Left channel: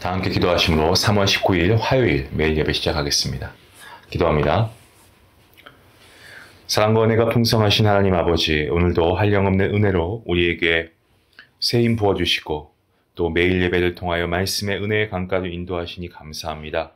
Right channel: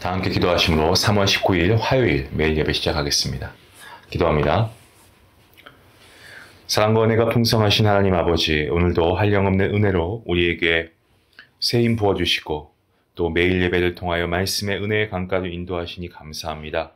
다 함께 기도하심으로 3월 19일 화요일 매일 예배 시작하겠습니다. 기도합니다. 사랑과 은혜가 풍성하신 하나님 아버지, 오늘도 한량없는 은혜로 우리에게 새 힘 부어주시고 또 매일 예배를 통하여 말씀의 은혜의 강가로 인도하시니 감사합니다.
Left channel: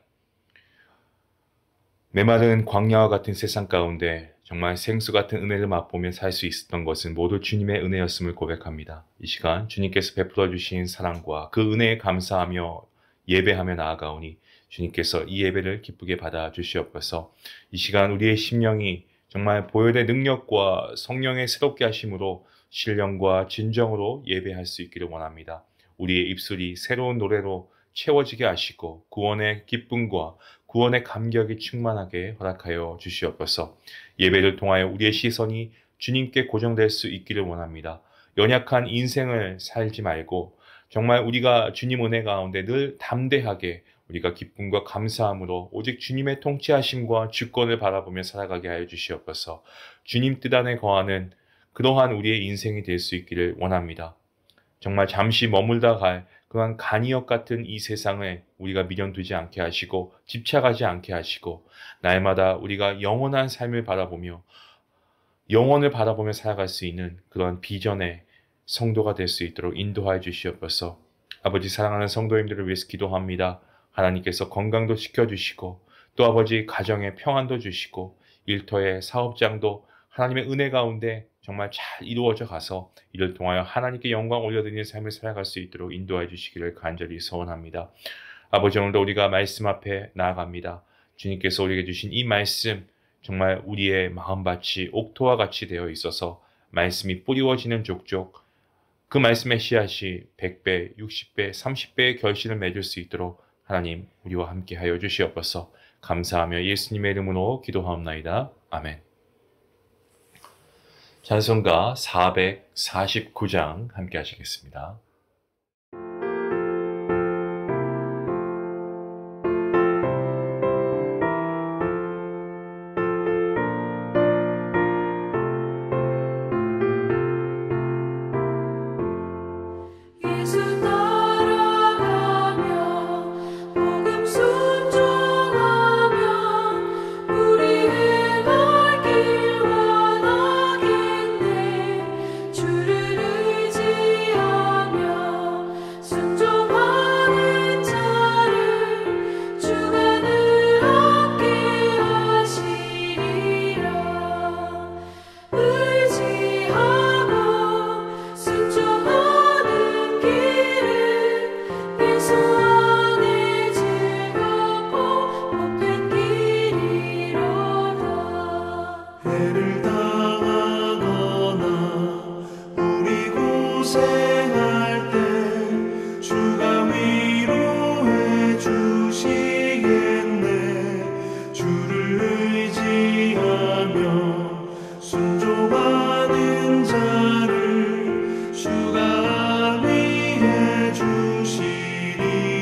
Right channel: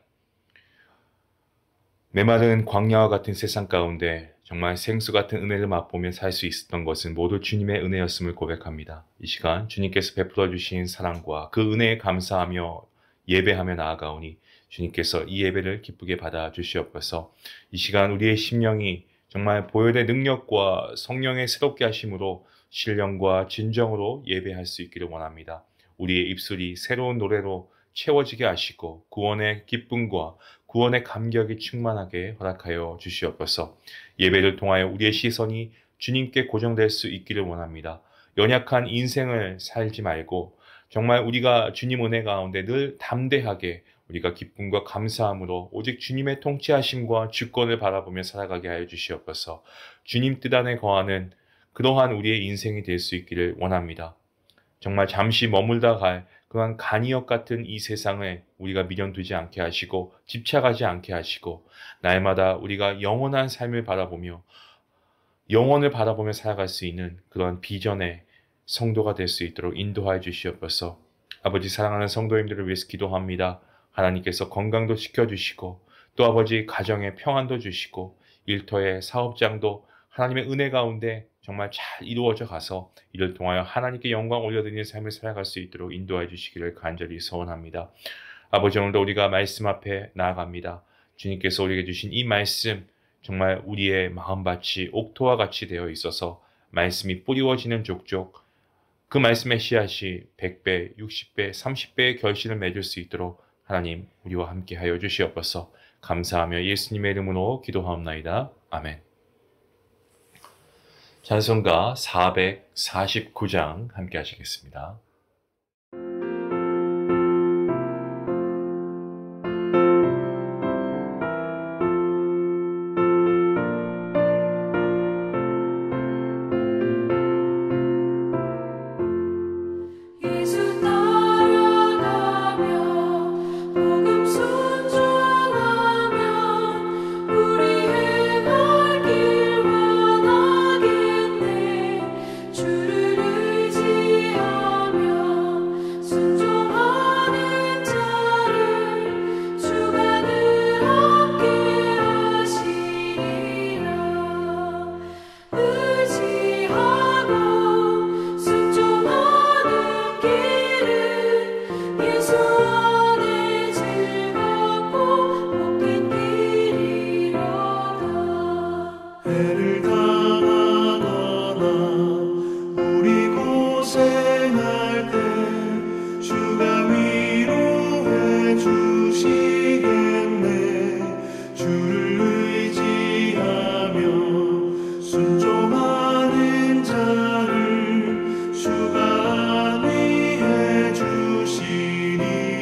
메마른 광야와 같은 세상 가운데 정말 생수 같은 은혜를 맛보며 살 수 있었던 것은 모두 주님의 은혜였음을 고백합니다. 이 시간 주님께서 베풀어 주신 사랑과 그 은혜에 감사하며 예배하며 나아가오니 주님께서 이 예배를 기쁘게 받아 주시옵소서. 이 시간 우리의 심령이 정말 보혈의 능력과 성령의 새롭게 하심으로 신령과 진정으로 예배할 수 있기를 원합니다. 우리의 입술이 새로운 노래로 채워지게 하시고 구원의 기쁨과 구원의 감격이 충만하게 허락하여 주시옵소서. 예배를 통하여 우리의 시선이 주님께 고정될 수 있기를 원합니다. 연약한 인생을 살지 말고 정말 우리가 주님 은혜 가운데 늘 담대하게 우리가 기쁨과 감사함으로 오직 주님의 통치하심과 주권을 바라보며 살아가게 하여 주시옵소서. 주님 뜻 안에 거하는 그러한 우리의 인생이 될 수 있기를 원합니다. 정말 잠시 머물다 갈 그러한 간이역 같은 이 세상을 우리가 미련두지 않게 하시고 집착하지 않게 하시고 날마다 우리가 영원한 삶을 바라보며 영원을 바라보며 살아갈 수 있는 그런 비전의 성도가 될 수 있도록 인도하여 주시옵소서. 아버지, 사랑하는 성도님들을 위해서 기도합니다. 하나님께서 건강도 지켜주시고 또 아버지 가정에 평안도 주시고 일터의 사업장도 하나님의 은혜 가운데 정말 잘 이루어져 가서 이를 통하여 하나님께 영광 올려드리는 삶을 살아갈 수 있도록 인도해 주시기를 간절히 소원합니다. 아버지, 오늘도 우리가 말씀 앞에 나아갑니다. 주님께서 우리에게 주신 이 말씀 정말 우리의 마음밭이 옥토와 같이 되어 있어서 말씀이 뿌리워지는 족족 그 말씀의 씨앗이 100배, 60배, 30배의 결실을 맺을 수 있도록 하나님 우리와 함께 하여 주시옵소서. 감사하며 예수님의 이름으로 기도하옵나이다. 아멘. 찬송가 449장 함께 하시겠습니다. 주가 위해 주시리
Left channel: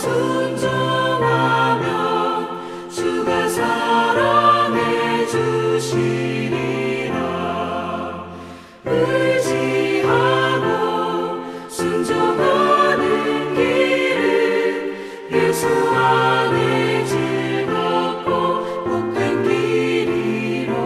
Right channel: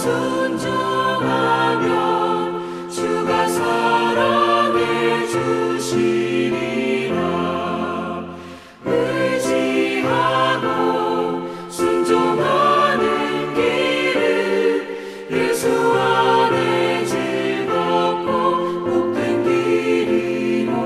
순종하면 주가 사랑해 주시리라. 의지하고 순종하는 길은 예수 안에 즐겁고 복된 길이로다.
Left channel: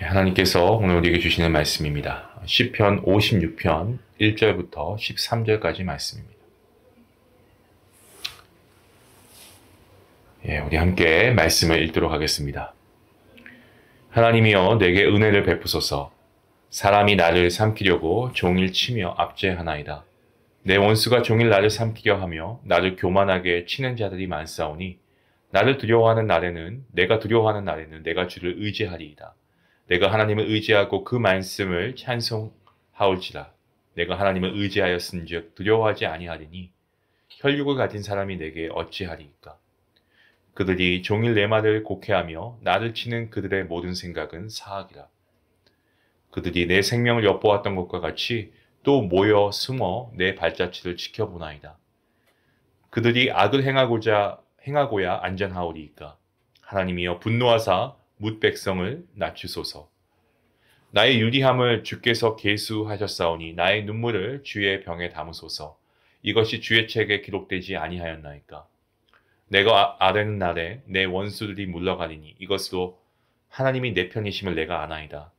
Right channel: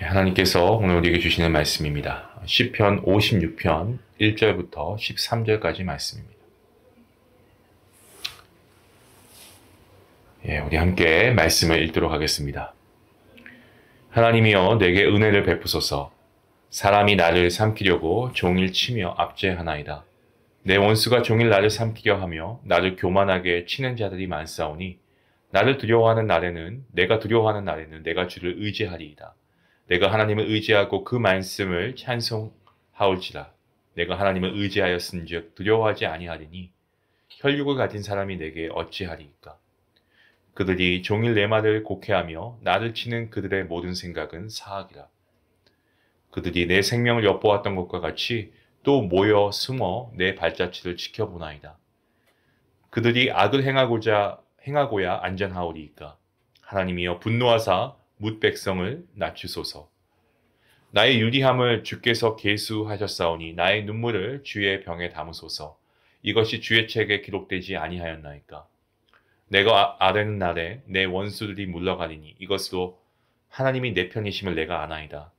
하나님께서 오늘 우리에게 주시는 말씀입니다. 시편 56편 1절부터 13절까지 말씀입니다. 우리 함께 말씀을 읽도록 하겠습니다. 하나님이여 내게 은혜를 베푸소서. 사람이 나를 삼키려고 종일 치며 압제하나이다. 내 원수가 종일 나를 삼키려 하며 나를 교만하게 치는 자들이 많사오니 나를 두려워하는 날에는 내가 주를 의지하리이다. 내가 하나님을 의지하고 그 말씀을 찬송하올지라. 내가 하나님을 의지하였은즉 두려워하지 아니하리니 혈육을 가진 사람이 내게 어찌하리이까. 그들이 종일 내 말을 곡해하며 나를 치는 그들의 모든 생각은 사악이라. 그들이 내 생명을 엿보았던 것과 같이 또 모여 숨어 내 발자취를 지켜보나이다. 그들이 악을 행하고야 안전하오리이까. 하나님이여 분노하사 뭇 백성을 낮추소서. 나의 유리함을 주께서 계수하셨사오니 나의 눈물을 주의 병에 담으소서. 이것이 주의 책에 기록되지 아니하였나이까. 내가 아뢰는 날에 내 원수들이 물러가리니 이것으로 하나님이 내 편이심을 내가 아나이다.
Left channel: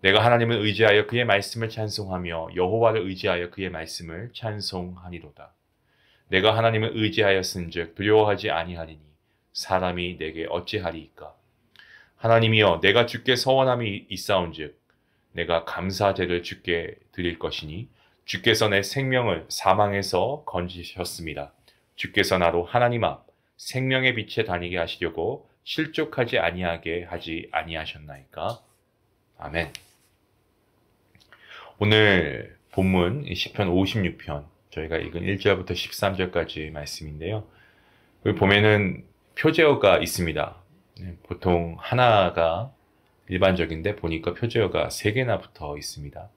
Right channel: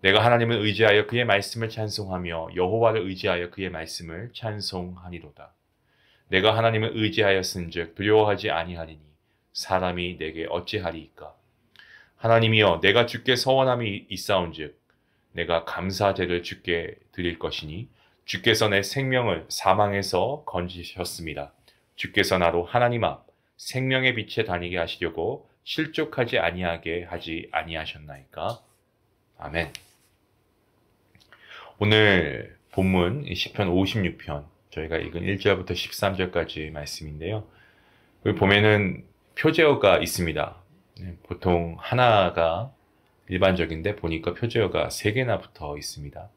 내가 하나님을 의지하여 그의 말씀을 찬송하며 여호와를 의지하여 그의 말씀을 찬송하니로다. 내가 하나님을 의지하였은즉 두려워하지 아니하리니 사람이 내게 어찌하리이까. 하나님이여 내가 주께 서원함이 있사온즉 내가 감사제를 주께 드릴 것이니 주께서 내 생명을 사망에서 건지셨습니다. 주께서 나로 하나님 앞 생명의 빛에 다니게 하시려고 실족하지 아니하게 하지 아니하셨나이까. 아멘. 오늘 본문 시편 56편 저희가 읽은 1절부터 13절까지 말씀인데요. 여기 보면은 표제어가 있습니다. 보통 하나가 일반적인데 보니까 표제어가 3개나 붙어 있습니다.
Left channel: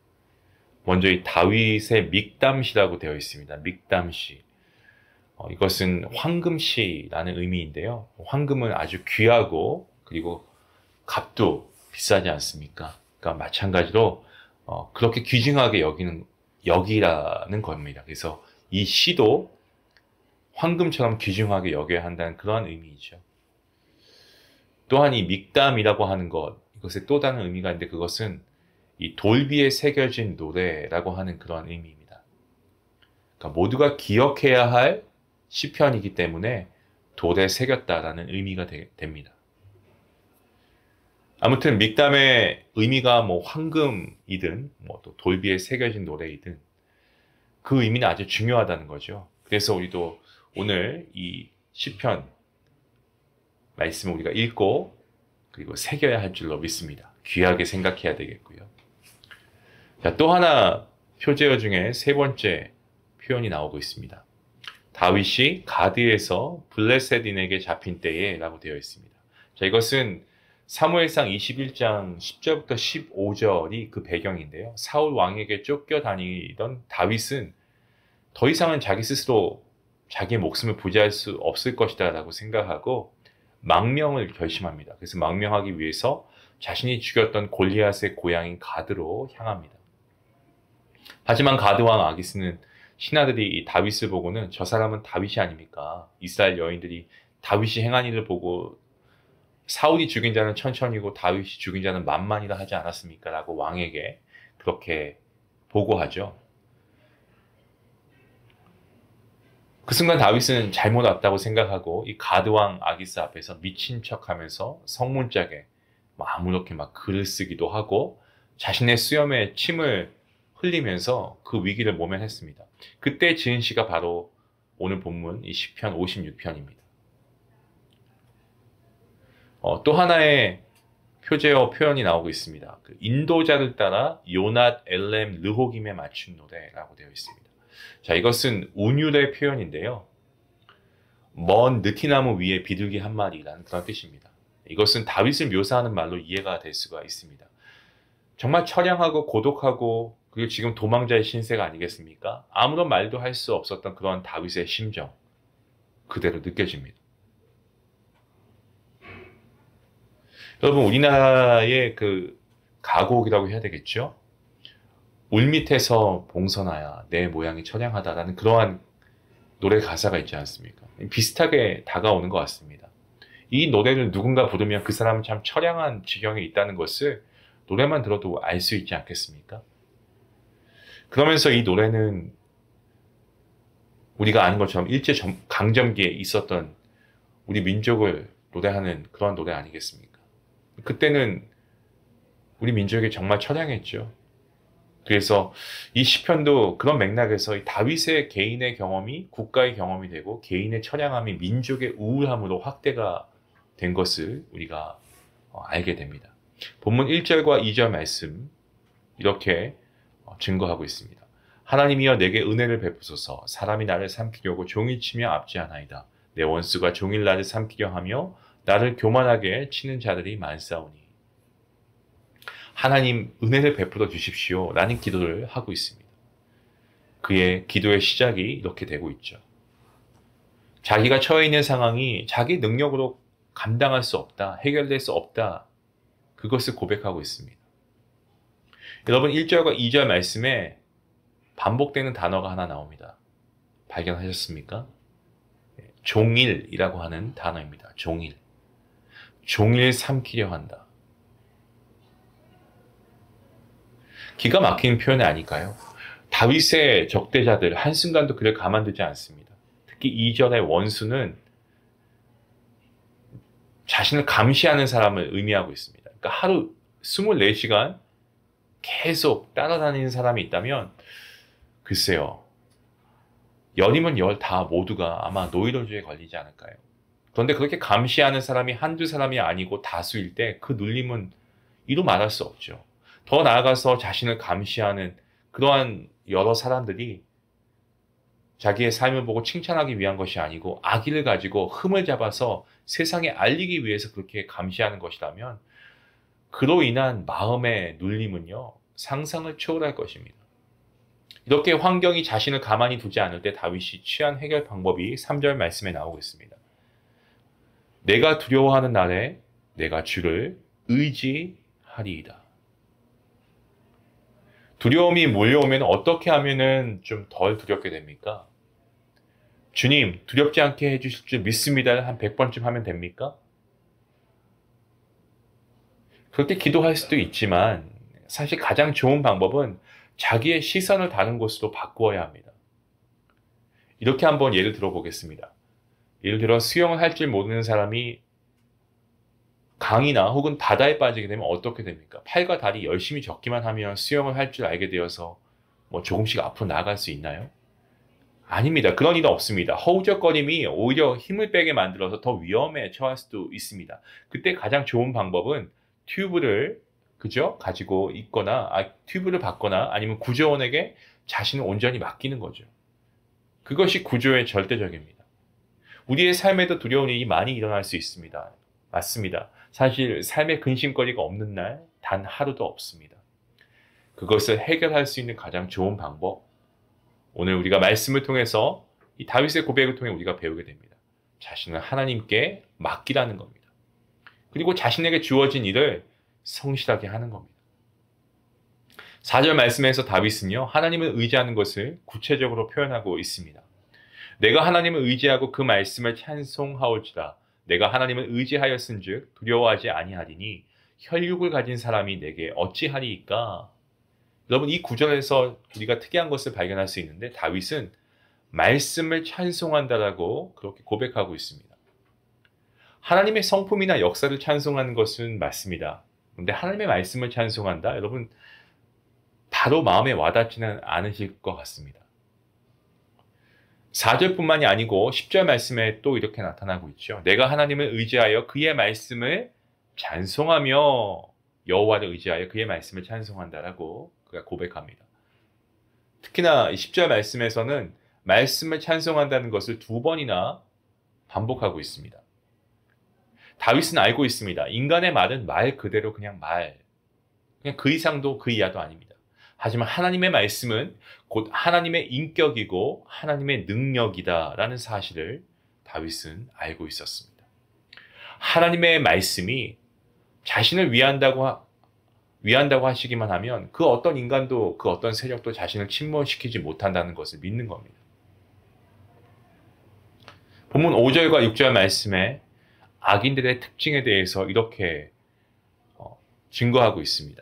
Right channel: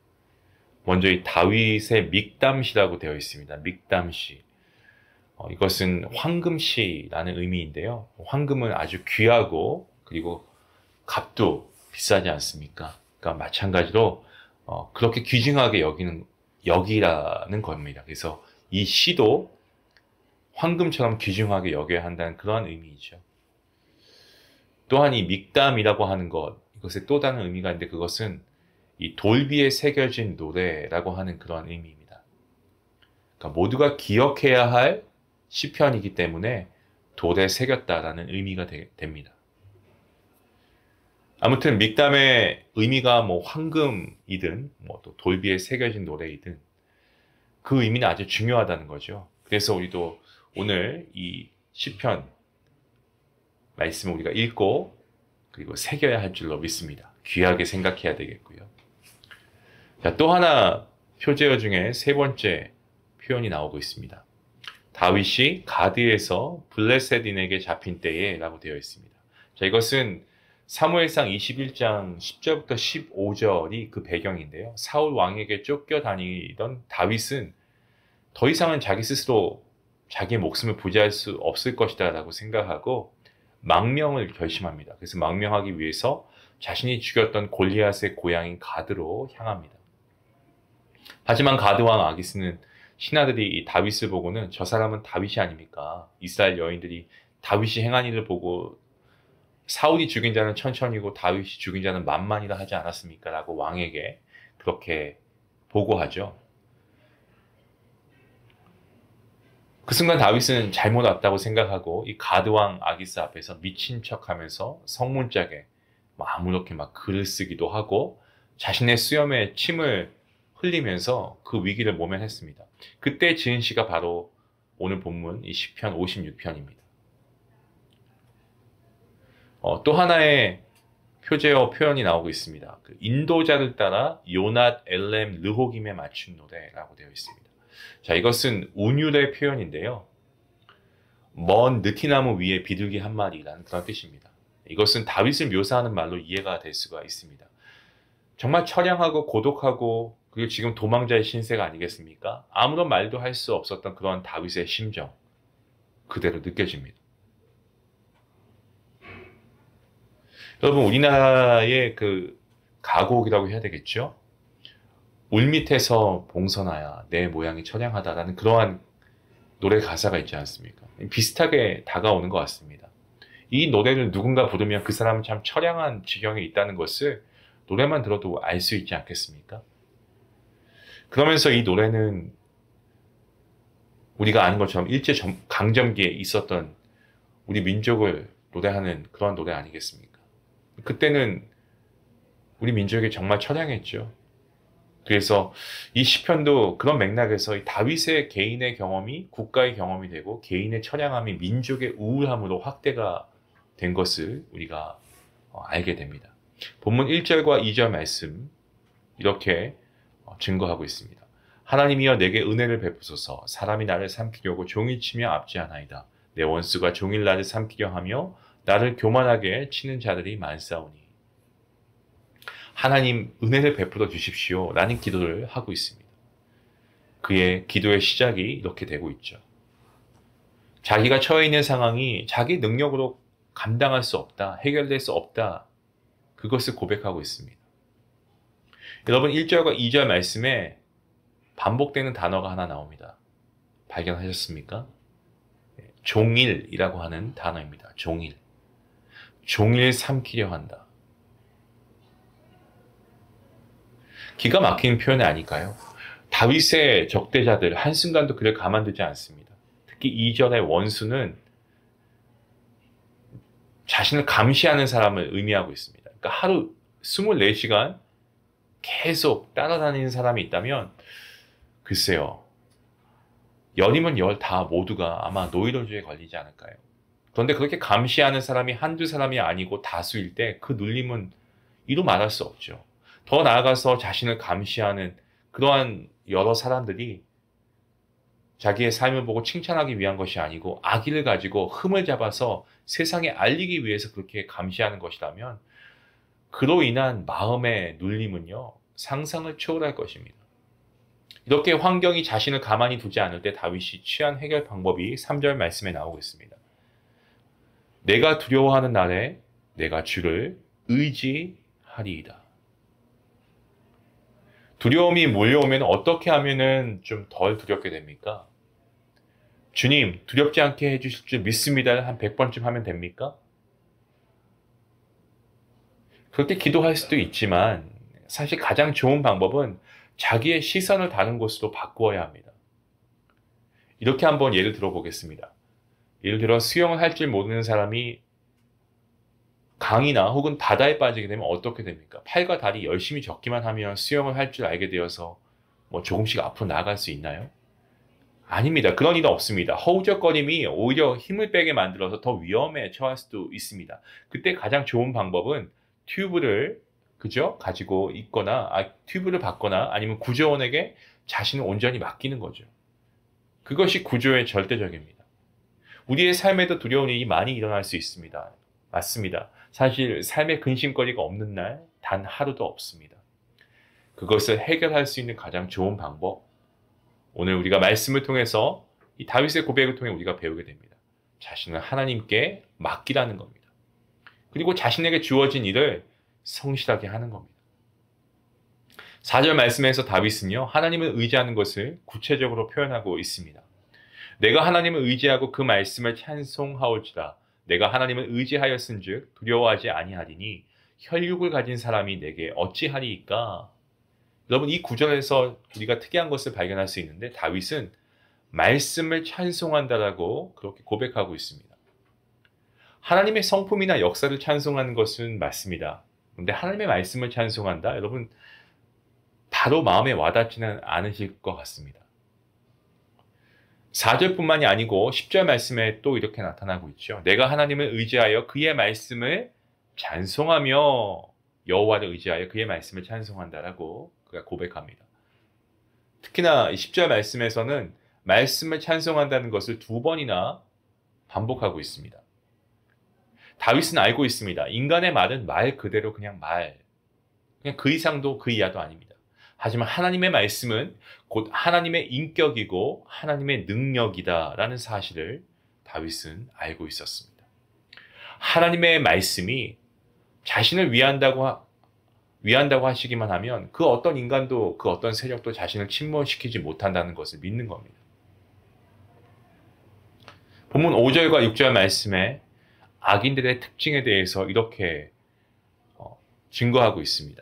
먼저 이 다윗의 믹담시라고 되어 있습니다. 믹담시. 이것은 황금시라는 의미인데요. 황금은 아주 귀하고 그리고 값도 비싸지 않습니까? 그러니까 마찬가지로 그렇게 귀중하게 여기라는 겁니다. 그래서 이 시도 황금처럼 귀중하게 여겨야 한다는 그런 의미이죠. 또한 이 믹담이라고 하는 이것의 또 다른 의미가 있는데 그것은 이 돌비에 새겨진 노래라고 하는 그런 의미입니다. 그러니까 모두가 기억해야 할 시편이기 때문에 돌에 새겼다라는 의미가 됩니다. 아무튼 믹담의 의미가 황금이든 또 돌비에 새겨진 노래이든 그 의미는 아주 중요하다는 거죠. 그래서 우리도 오늘 이 시편 말씀을 우리가 읽고 그리고 새겨야 할 줄로 믿습니다. 귀하게 생각해야 되겠고요. 자, 또 하나 표제어 중에 3번째 표현이 나오고 있습니다. 다윗이 가드에서 블레셋인에게 잡힌 때에 라고 되어 있습니다. 자, 이것은 사무엘상 21장 10절부터 15절이 그 배경인데요. 사울 왕에게 쫓겨다니던 다윗은 더 이상은 자기 스스로 자기의 목숨을 부지할 수 없을 것이다 라고 생각하고 망명을 결심합니다. 그래서 망명하기 위해서 자신이 죽였던 골리앗의 고향인 가드로 향합니다. 하지만 가드 왕 아기스는 신하들이 이 다윗을 보고는 저 사람은 다윗이 아닙니까? 이스라엘 여인들이 다윗이 행한 일을 보고 사울이 죽인 자는 천천히고 다윗이 죽인 자는 만만이라 하지 않았습니까? 라고 왕에게 그렇게 보고하죠. 그 순간 다윗은 잘못 왔다고 생각하고 이 가드왕 아기스 앞에서 미친 척하면서 성문짝에 아무렇게 글을 쓰기도 하고 자신의 수염에 침을 흘리면서 그 위기를 모면했습니다. 그때 지은 시가 바로 오늘 본문 이 시편 56편입니다. 또 하나의 표제어 표현이 나오고 있습니다. 그 인도자를 따라 요낫 엘렘 르호김에 맞춘 노래라고 되어 있습니다. 자, 이것은 운율의 표현인데요. 먼 느티나무 위에 비둘기 한 마리라는 그런 뜻입니다. 이것은 다윗을 묘사하는 말로 이해가 될 수가 있습니다. 정말 처량하고 고독하고 그리고 지금 도망자의 신세가 아니겠습니까? 아무런 말도 할 수 없었던 그런 다윗의 심정 그대로 느껴집니다. 여러분 우리나라의 그 가곡이라고 해야 되겠죠? 울밑에서 봉선하야 내 모양이 처량하다라는 그러한 노래 가사가 있지 않습니까? 비슷하게 다가오는 것 같습니다. 이 노래를 누군가 부르면 그 사람은 참 처량한 지경에 있다는 것을 노래만 들어도 알 수 있지 않겠습니까? 그러면서 이 노래는 우리가 아는 것처럼 일제강점기에 있었던 우리 민족을 노래하는 그런 노래 아니겠습니까? 그때는 우리 민족이 정말 처량했죠. 그래서 이 시편도 그런 맥락에서 이 다윗의 개인의 경험이 국가의 경험이 되고 개인의 처량함이 민족의 우울함으로 확대가 된 것을 우리가 알게 됩니다. 본문 1절과 2절 말씀 이렇게 증거하고 있습니다. 하나님이여 내게 은혜를 베푸소서. 사람이 나를 삼키려고 종일치며 압제하나이다. 내 원수가 종일 나를 삼키려 하며 나를 교만하게 치는 자들이 많사오니. 하나님 은혜를 베풀어 주십시오 라는 기도를 하고 있습니다. 그의 기도의 시작이 이렇게 되고 있죠. 자기가 처해 있는 상황이 자기 능력으로 감당할 수 없다, 해결될 수 없다, 그것을 고백하고 있습니다. 여러분 1절과 2절 말씀에 반복되는 단어가 하나 나옵니다. 발견하셨습니까? 종일이라고 하는 단어입니다. 종일. 종일 삼키려 한다. 기가 막힌 표현이 아닐까요? 다윗의 적대자들 한순간도 그를 가만두지 않습니다. 특히 2절의 원수는 자신을 감시하는 사람을 의미하고 있습니다. 그러니까 하루 24시간 계속 따라다니는 사람이 있다면 글쎄요. 열이면 열 다 모두가 아마 노이로제에 걸리지 않을까요? 그런데 그렇게 감시하는 사람이 한두 사람이 아니고 다수일 때 그 눌림은 이루 말할 수 없죠. 더 나아가서 자신을 감시하는 그러한 여러 사람들이 자기의 삶을 보고 칭찬하기 위한 것이 아니고 악의를 가지고 흠을 잡아서 세상에 알리기 위해서 그렇게 감시하는 것이라면 그로 인한 마음의 눌림은요, 상상을 초월할 것입니다. 이렇게 환경이 자신을 가만히 두지 않을 때 다윗이 취한 해결 방법이 3절 말씀에 나오고 있습니다. 내가 두려워하는 날에 내가 주를 의지하리이다. 두려움이 몰려오면 어떻게 하면 좀 덜 두렵게 됩니까? 주님, 두렵지 않게 해주실 줄 믿습니다를 한 100번쯤 하면 됩니까? 그렇게 기도할 수도 있지만 사실 가장 좋은 방법은 자기의 시선을 다른 곳으로 바꾸어야 합니다. 이렇게 한번 예를 들어보겠습니다. 예를 들어 수영을 할 줄 모르는 사람이 강이나 혹은 바다에 빠지게 되면 어떻게 됩니까? 팔과 다리 열심히 젓기만 하면 수영을 할 줄 알게 되어서 뭐 조금씩 앞으로 나아갈 수 있나요? 아닙니다. 그런 일은 없습니다. 허우적거림이 오히려 힘을 빼게 만들어서 더 위험에 처할 수도 있습니다. 그때 가장 좋은 방법은 튜브를 그죠? 가지고 있거나 튜브를 받거나 아니면 구조원에게 자신을 온전히 맡기는 거죠. 그것이 구조의 절대적입니다. 우리의 삶에도 두려운 일이 많이 일어날 수 있습니다. 맞습니다. 사실 삶의 근심거리가 없는 날 단 하루도 없습니다. 그것을 해결할 수 있는 가장 좋은 방법, 오늘 우리가 말씀을 통해서 이 다윗의 고백을 통해 우리가 배우게 됩니다. 자신을 하나님께 맡기라는 겁니다. 그리고 자신에게 주어진 일을 성실하게 하는 겁니다. 4절 말씀에서 다윗은요, 하나님을 의지하는 것을 구체적으로 표현하고 있습니다. 내가 하나님을 의지하고 그 말씀을 찬송하올지라. 내가 하나님을 의지하였은즉 두려워하지 아니하리니 혈육을 가진 사람이 내게 어찌하리이까. 여러분 이 구절에서 우리가 특이한 것을 발견할 수 있는데 다윗은 말씀을 찬송한다라고 그렇게 고백하고 있습니다. 하나님의 성품이나 역사를 찬송하는 것은 맞습니다. 그런데 하나님의 말씀을 찬송한다? 여러분 바로 마음에 와닿지는 않으실 것 같습니다. 4절뿐만이 아니고 10절 말씀에 또 이렇게 나타나고 있죠. 내가 하나님을 의지하여 그의 말씀을 찬송하며 여호와를 의지하여 그의 말씀을 찬송한다라고 그가 고백합니다. 특히나 10절 말씀에서는 말씀을 찬송한다는 것을 2번이나 반복하고 있습니다. 다윗은 알고 있습니다. 인간의 말은 말 그대로 그냥 말. 그냥 그 이상도 그 이하도 아닙니다. 하지만 하나님의 말씀은 곧 하나님의 인격이고 하나님의 능력이다라는 사실을 다윗은 알고 있었습니다. 하나님의 말씀이 자신을 위한다고 하시기만 하면 그 어떤 인간도 그 어떤 세력도 자신을 침몰시키지 못한다는 것을 믿는 겁니다. 본문 5절과 6절 말씀에 악인들의 특징에 대해서 이렇게 증거하고 있습니다.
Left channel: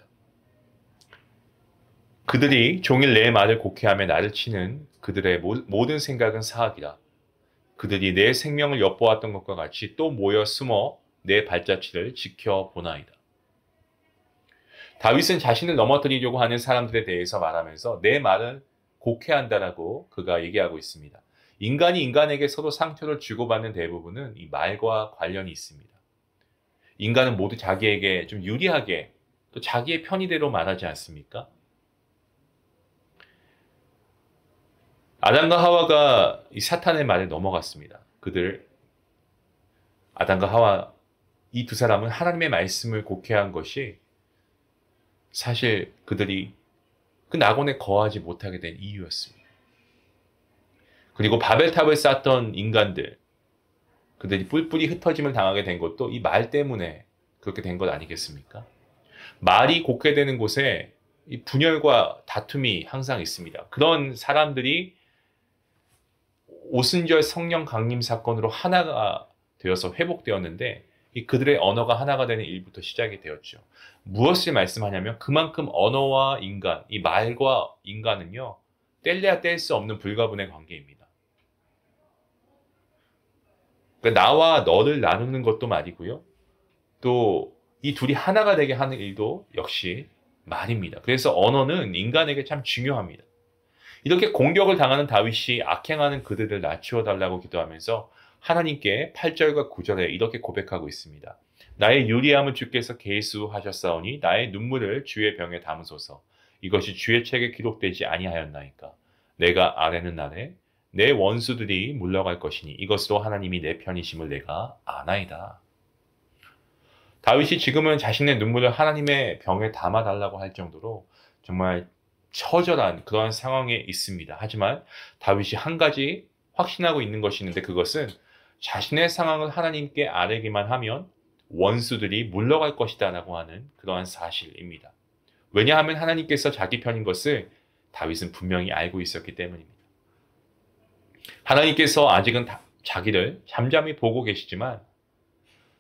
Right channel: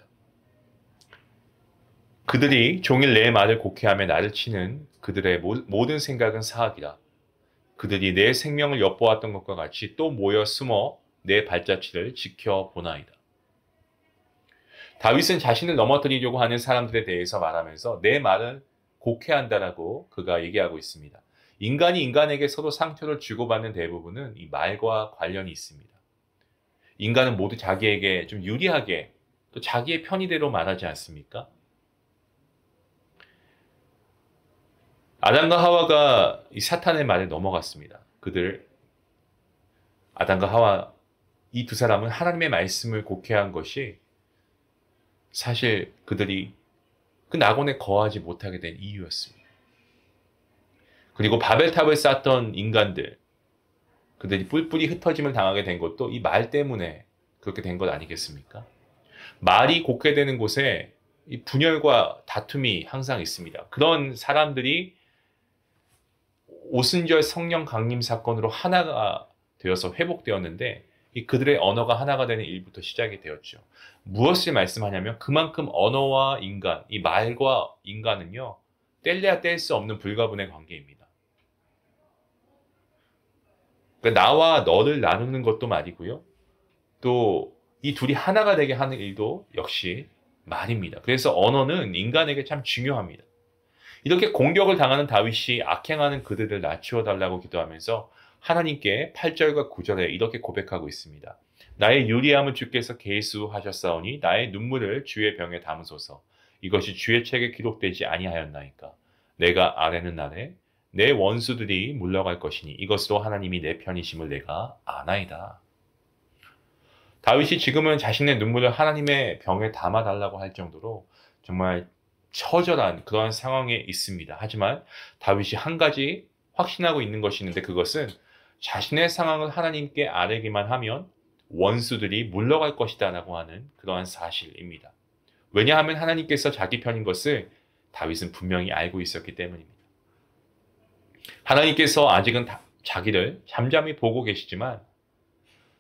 그들이 종일 내 말을 곡해하며 나를 치는 그들의 모든 생각은 사악이라. 그들이 내 생명을 엿보았던 것과 같이 또 모여 숨어 내 발자취를 지켜보나이다. 다윗은 자신을 넘어뜨리려고 하는 사람들에 대해서 말하면서 내 말을 곡해한다라고 그가 얘기하고 있습니다. 인간이 인간에게 서로 상처를 주고받는 대부분은 이 말과 관련이 있습니다. 인간은 모두 자기에게 좀 유리하게 또 자기의 편의대로 말하지 않습니까? 아담과 하와가 이 사탄의 말에 넘어갔습니다. 아담과 하와 이 두 사람은 하나님의 말씀을 곡해한 것이 사실 그들이 그 낙원에 거하지 못하게 된 이유였습니다. 그리고 바벨탑을 쌓던 인간들, 그들이 뿔뿔이 흩어짐을 당하게 된 것도 이 말 때문에 그렇게 된 것 아니겠습니까? 말이 곡해되는 곳에 이 분열과 다툼이 항상 있습니다. 그런 사람들이 오순절 성령 강림 사건으로 하나가 되어서 회복되었는데 그들의 언어가 하나가 되는 일부터 시작이 되었죠. 무엇을 말씀하냐면 그만큼 언어와 인간, 이 말과 인간은요, 뗄래야 뗄 수 없는 불가분의 관계입니다. 그러니까 나와 너를 나누는 것도 말이고요. 또 이 둘이 하나가 되게 하는 일도 역시 말입니다. 그래서 언어는 인간에게 참 중요합니다. 이렇게 공격을 당하는 다윗이 악행하는 그들을 낮추어 달라고 기도하면서 하나님께 8절과 9절에 이렇게 고백하고 있습니다. 나의 유리함은 주께서 계수하셨사오니 나의 눈물을 주의 병에 담으소서. 이것이 주의 책에 기록되지 아니하였나이까. 내가 아뢰는 날에 내 원수들이 물러갈 것이니 이것으로 하나님이 내 편이심을 내가 아나이다. 다윗이 지금은 자신의 눈물을 하나님의 병에 담아달라고 할 정도로 정말 처절한 그런 상황에 있습니다. 하지만 다윗이 한 가지 확신하고 있는 것이 있는데 그것은 자신의 상황을 하나님께 아뢰기만 하면 원수들이 물러갈 것이다 라고 하는 그러한 사실입니다. 왜냐하면 하나님께서 자기 편인 것을 다윗은 분명히 알고 있었기 때문입니다. 하나님께서 아직은 자기를 잠잠히 보고 계시지만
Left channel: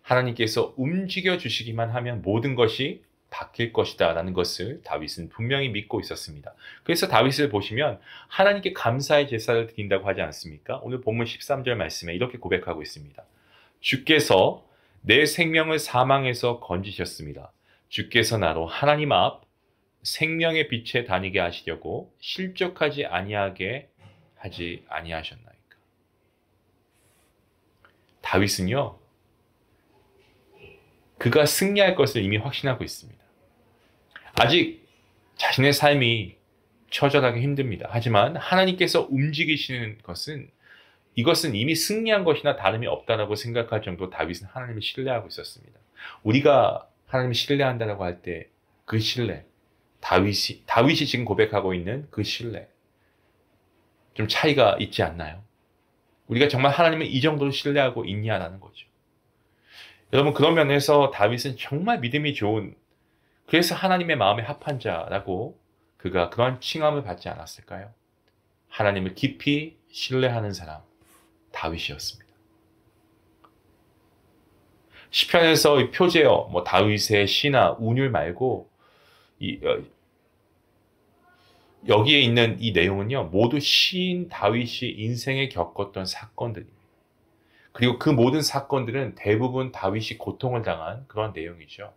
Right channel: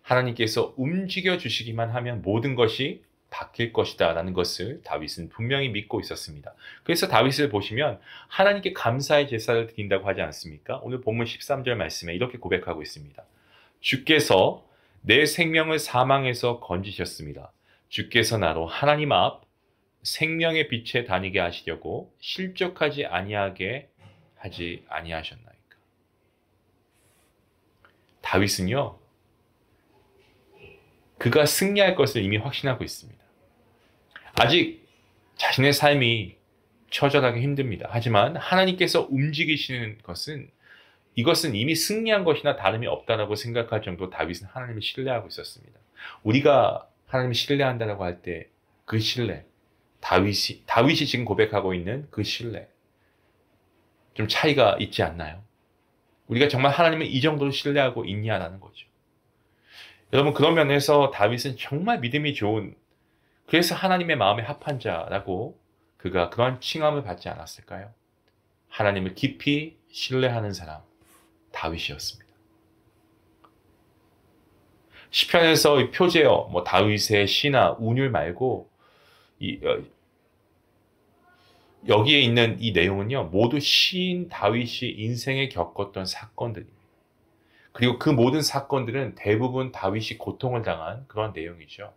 하나님께서 움직여 주시기만 하면 모든 것이 바뀔 것이다 라는 것을 다윗은 분명히 믿고 있었습니다. 그래서 다윗을 보시면 하나님께 감사의 제사를 드린다고 하지 않습니까? 오늘 본문 13절 말씀에 이렇게 고백하고 있습니다. 주께서 내 생명을 사망에서 건지셨습니다. 주께서 나로 하나님 앞 생명의 빛에 다니게 하시려고 실족하지 아니하게 하지 아니하셨나이까. 다윗은요, 그가 승리할 것을 이미 확신하고 있습니다. 아직 자신의 삶이 처절하게 힘듭니다. 하지만 하나님께서 움직이시는 이것은 이미 승리한 것이나 다름이 없다라고 생각할 정도로 다윗은 하나님을 신뢰하고 있었습니다. 우리가 하나님을 신뢰한다라고 할 때 그 신뢰, 다윗이 지금 고백하고 있는 그 신뢰, 좀 차이가 있지 않나요? 우리가 정말 하나님을 이 정도로 신뢰하고 있냐라는 거죠. 여러분, 그런 면에서 다윗은 정말 믿음이 좋은, 그래서 하나님의 마음에 합한 자라고 그가 그런 칭함을 받지 않았을까요? 하나님을 깊이 신뢰하는 사람, 다윗이었습니다. 시편에서 이 표제어, 다윗의 시나 운율 말고 여기에 있는 이 내용은요, 모두 시인 다윗이 인생에 겪었던 사건들입니다. 그리고 그 모든 사건들은 대부분 다윗이 고통을 당한 그런 내용이죠.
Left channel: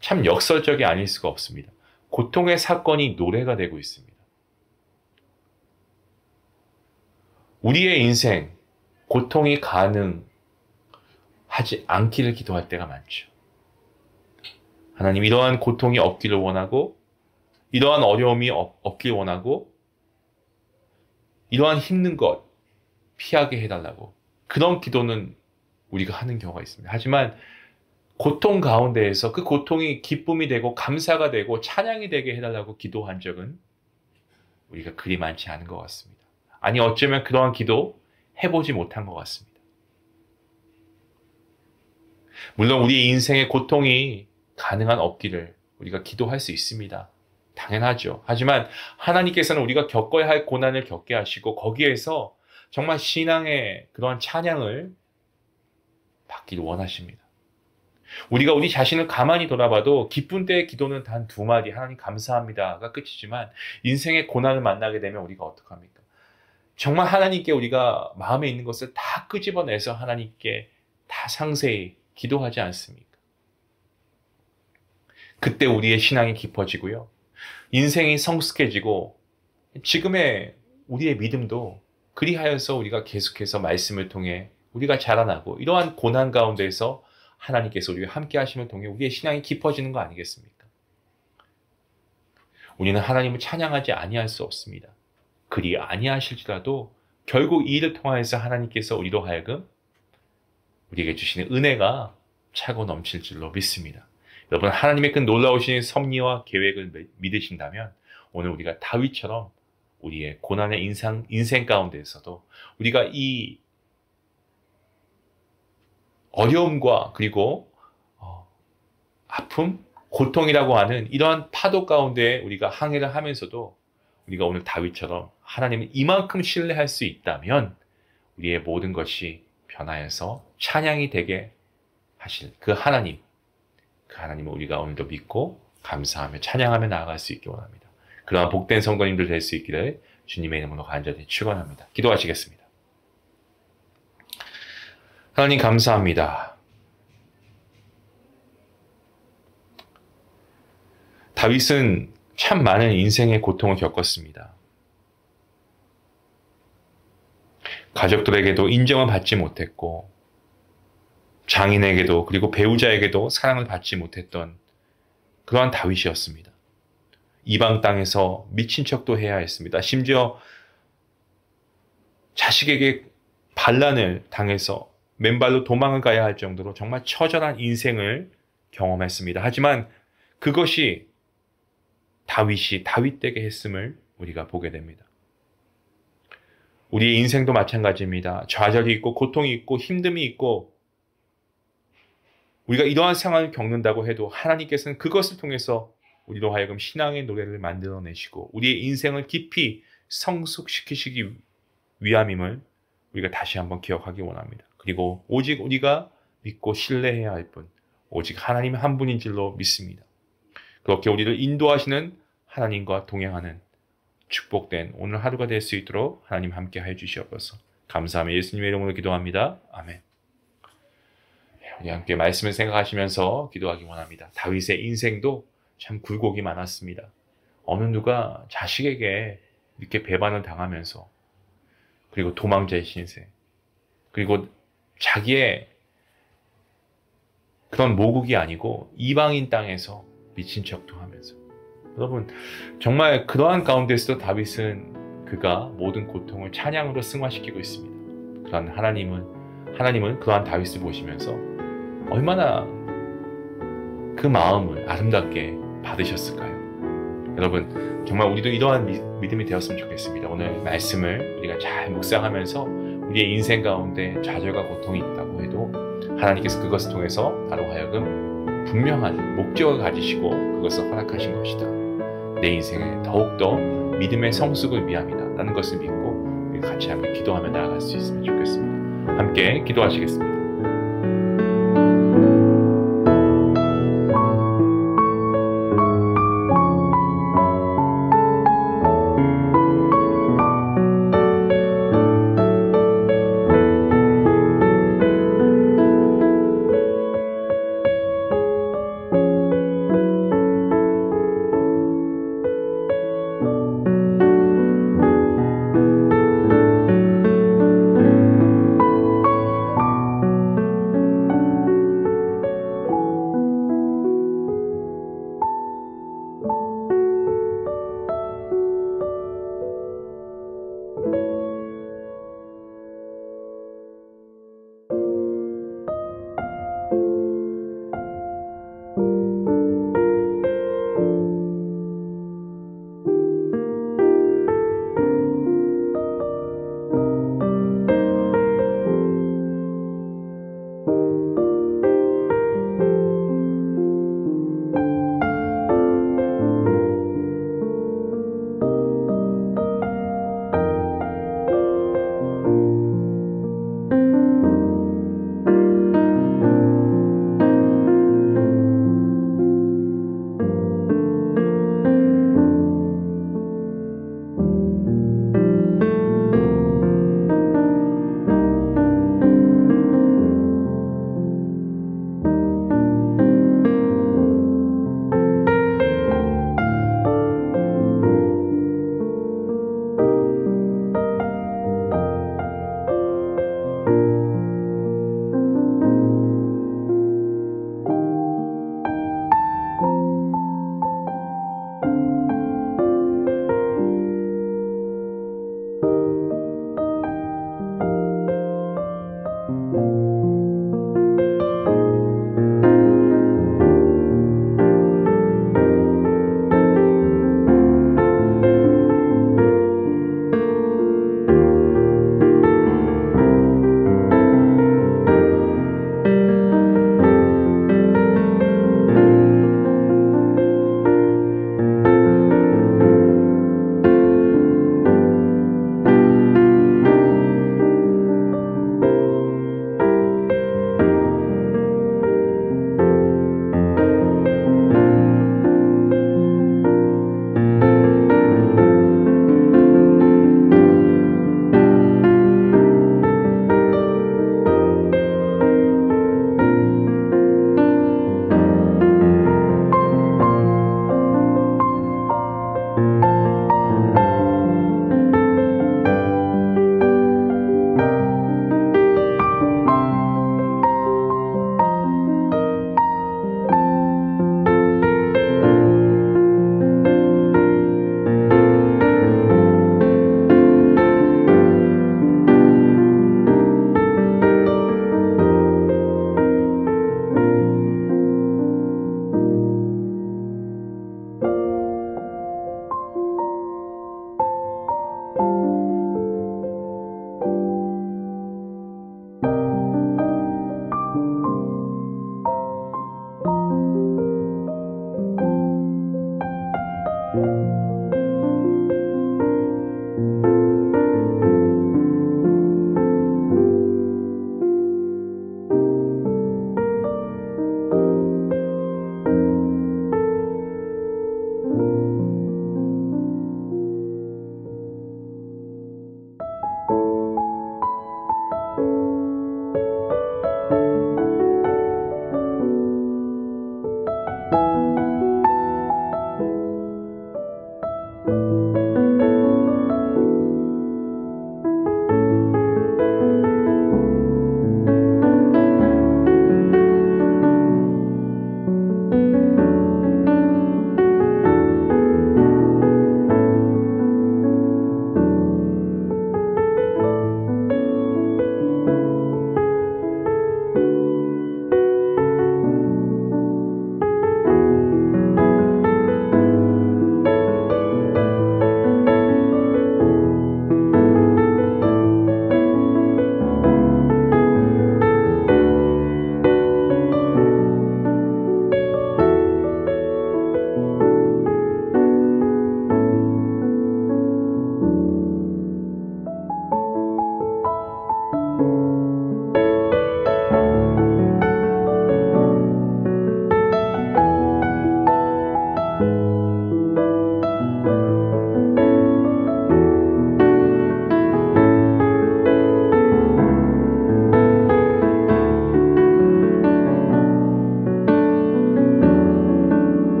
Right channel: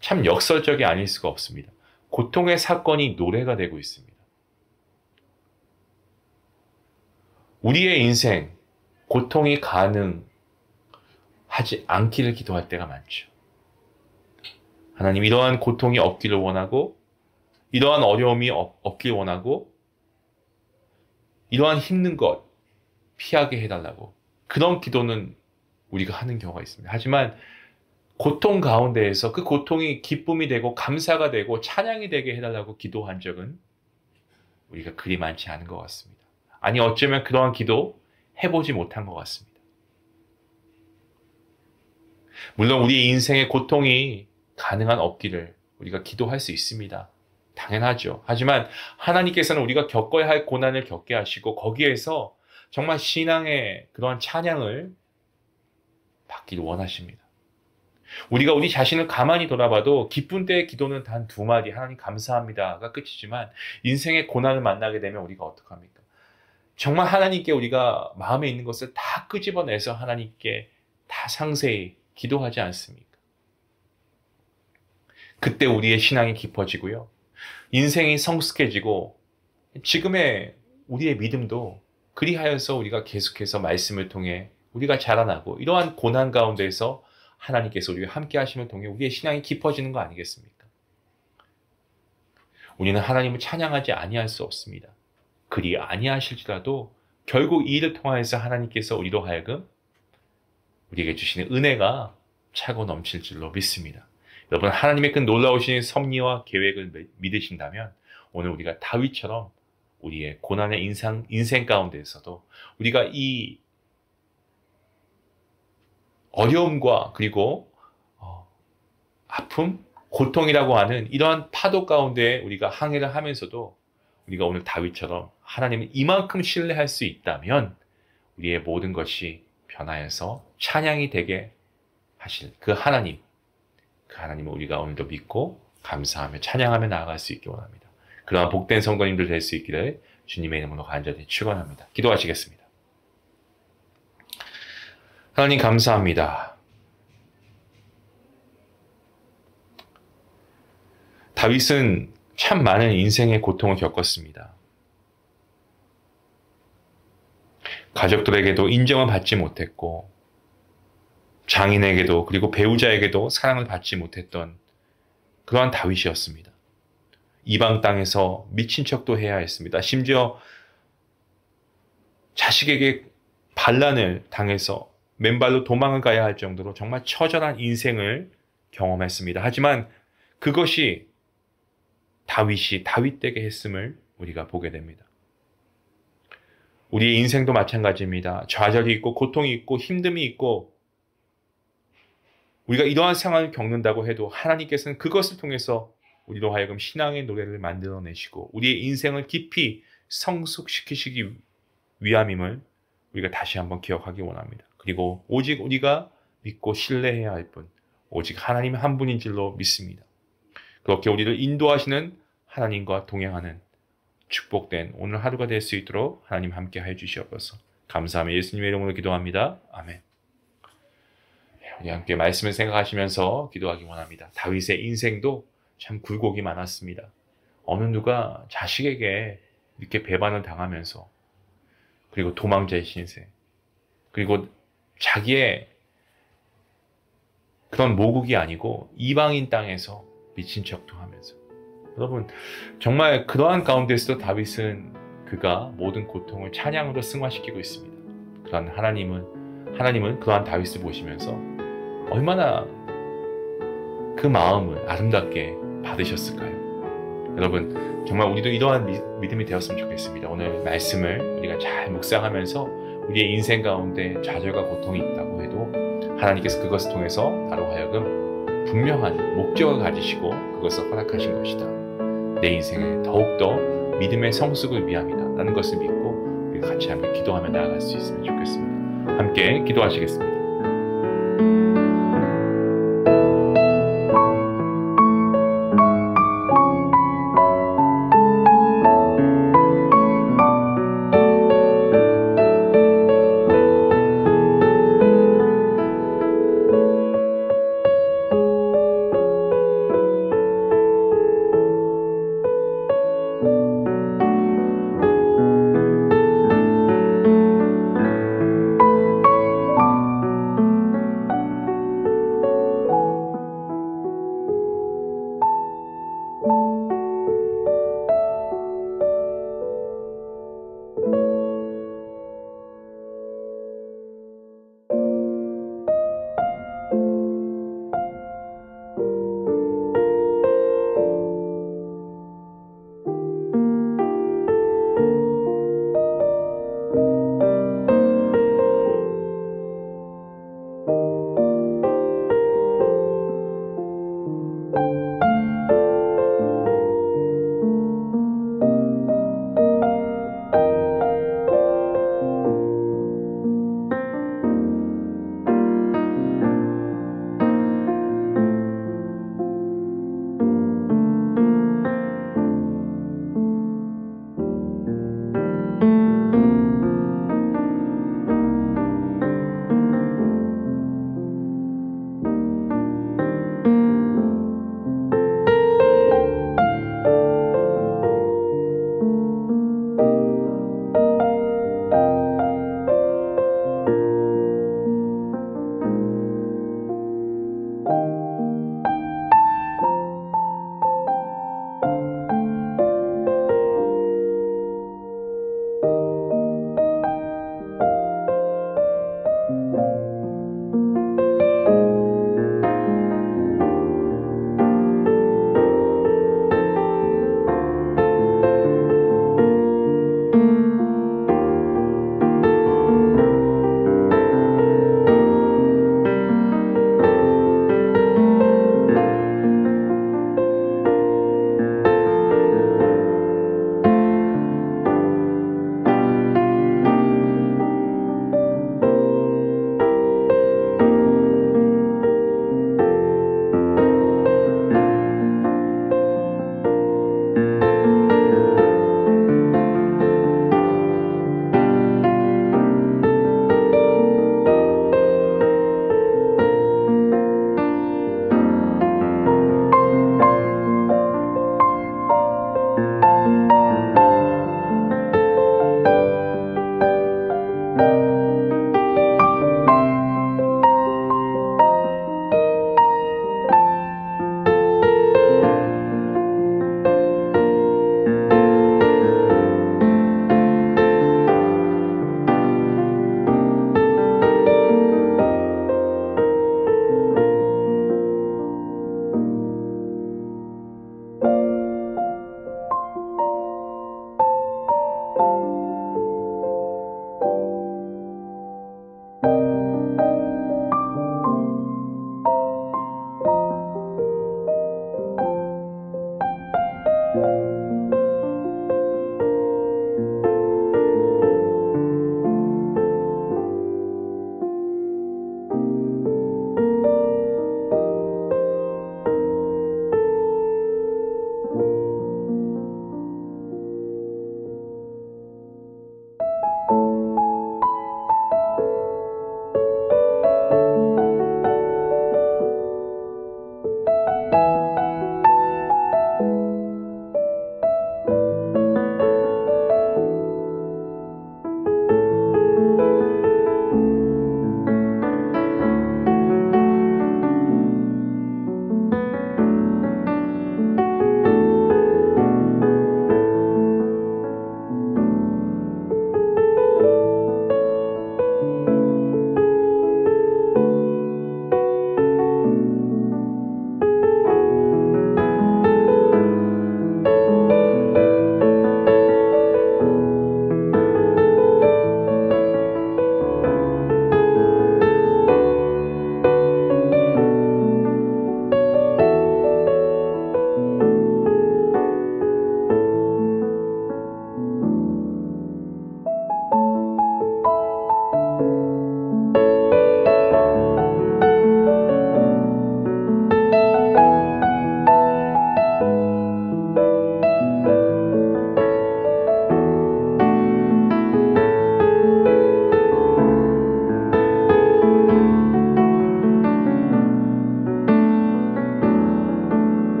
참 역설적이 아닐 수가 없습니다. 고통의 사건이 노래가 되고 있습니다. 우리의 인생, 고통이 가능하지 않기를 기도할 때가 많죠. 하나님, 이러한 고통이 없기를 원하고, 이러한 어려움이 없길 원하고, 이러한 힘든 것 피하게 해달라고. 그런 기도는 우리가 하는 경우가 있습니다. 하지만 고통 가운데에서 그 고통이 기쁨이 되고 감사가 되고 찬양이 되게 해달라고 기도한 적은 우리가 그리 많지 않은 것 같습니다. 아니 어쩌면 그러한 기도 해보지 못한 것 같습니다. 물론 우리 인생의 고통이 가능한 없기를 우리가 기도할 수 있습니다. 당연하죠. 하지만 하나님께서는 우리가 겪어야 할 고난을 겪게 하시고 거기에서 정말 신앙의 그러한 찬양을 받기를 원하십니다. 우리가 우리 자신을 가만히 돌아봐도 기쁜 때의 기도는 단 2마디 하나님 감사합니다가 끝이지만 인생의 고난을 만나게 되면 우리가 어떡합니까? 정말 하나님께 우리가 마음에 있는 것을 다 끄집어내서 하나님께 다 상세히 기도하지 않습니까? 그때 우리의 신앙이 깊어지고요. 인생이 성숙해지고 지금의 우리의 믿음도 그리하여서 우리가 계속해서 말씀을 통해 우리가 자라나고 이러한 고난 가운데서 하나님께서 우리와 함께 하심을 통해 우리의 신앙이 깊어지는 거 아니겠습니까? 우리는 하나님을 찬양하지 아니할 수 없습니다. 그리 아니하실지라도 결국 이 일을 통하여서 하나님께서 우리로 하여금 우리에게 주시는 은혜가 차고 넘칠 줄로 믿습니다. 여러분 하나님의 그 놀라우신 섭리와 계획을 믿으신다면 오늘 우리가 다윗처럼 우리의 고난의 인생 가운데에서도 우리가 이 어려움과 그리고 아픔, 고통이라고 하는 이러한 파도 가운데 우리가 항해를 하면서도 우리가 오늘 다윗처럼 하나님을 이만큼 신뢰할 수 있다면 우리의 모든 것이 변하여서 찬양이 되게 하실 그 하나님을 우리가 오늘도 믿고 감사하며 찬양하며 나아갈 수 있기 원합니다. 그러한 복된 성도님들 될 수 있기를 주님의 이름으로 간절히 축원합니다. 기도하시겠습니다. 하나님 감사합니다. 다윗은 참 많은 인생의 고통을 겪었습니다. 가족들에게도 인정을 받지 못했고 장인에게도 그리고 배우자에게도 사랑을 받지 못했던 그러한 다윗이었습니다. 이방 땅에서 미친 척도 해야 했습니다. 심지어 자식에게 반란을 당해서 맨발로 도망을 가야 할 정도로 정말 처절한 인생을 경험했습니다. 하지만 그것이 다윗이 다윗되게 했음을 우리가 보게 됩니다. 우리의 인생도 마찬가지입니다. 좌절이 있고 고통이 있고 힘듦이 있고 우리가 이러한 상황을 겪는다고 해도 하나님께서는 그것을 통해서 우리로 하여금 신앙의 노래를 만들어내시고 우리의 인생을 깊이 성숙시키시기 위함임을 우리가 다시 한번 기억하기 원합니다. 그리고 오직 우리가 믿고 신뢰해야 할 분, 오직 하나님 한 분인 줄로 믿습니다. 그렇게 우리를 인도하시는 하나님과 동행하는 축복된 오늘 하루가 될 수 있도록 하나님 함께 해 주시옵소서. 감사하며 예수님의 이름으로 기도합니다. 아멘. 우리 함께 말씀을 생각하시면서 기도하기 원합니다. 다윗의 인생도 참 굴곡이 많았습니다. 어느 누가 자식에게 이렇게 배반을 당하면서 그리고 도망자의 신세 그리고 자기의 그런 모국이 아니고 이방인 땅에서 미친 척도 하면서 여러분 정말 그러한 가운데서도 다윗은 그가 모든 고통을 찬양으로 승화시키고 있습니다. 그런 하나님은 그러한 다윗을 보시면서 얼마나 그 마음을 아름답게 받으셨을까요? 여러분 정말 우리도 이러한 믿음이 되었으면 좋겠습니다. 오늘 말씀을 우리가 잘 묵상하면서 우리의 인생 가운데 좌절과 고통이 있다고 해도 하나님께서 그것을 통해서 나로 하여금 분명한 목적을 가지시고 그것을 허락하신 것이다. 내 인생에 더욱더 믿음의 성숙을 위함이다 라는 것을 믿고 우리 같이 함께 기도하며 나아갈 수 있으면 좋겠습니다. 함께 기도하시겠습니다.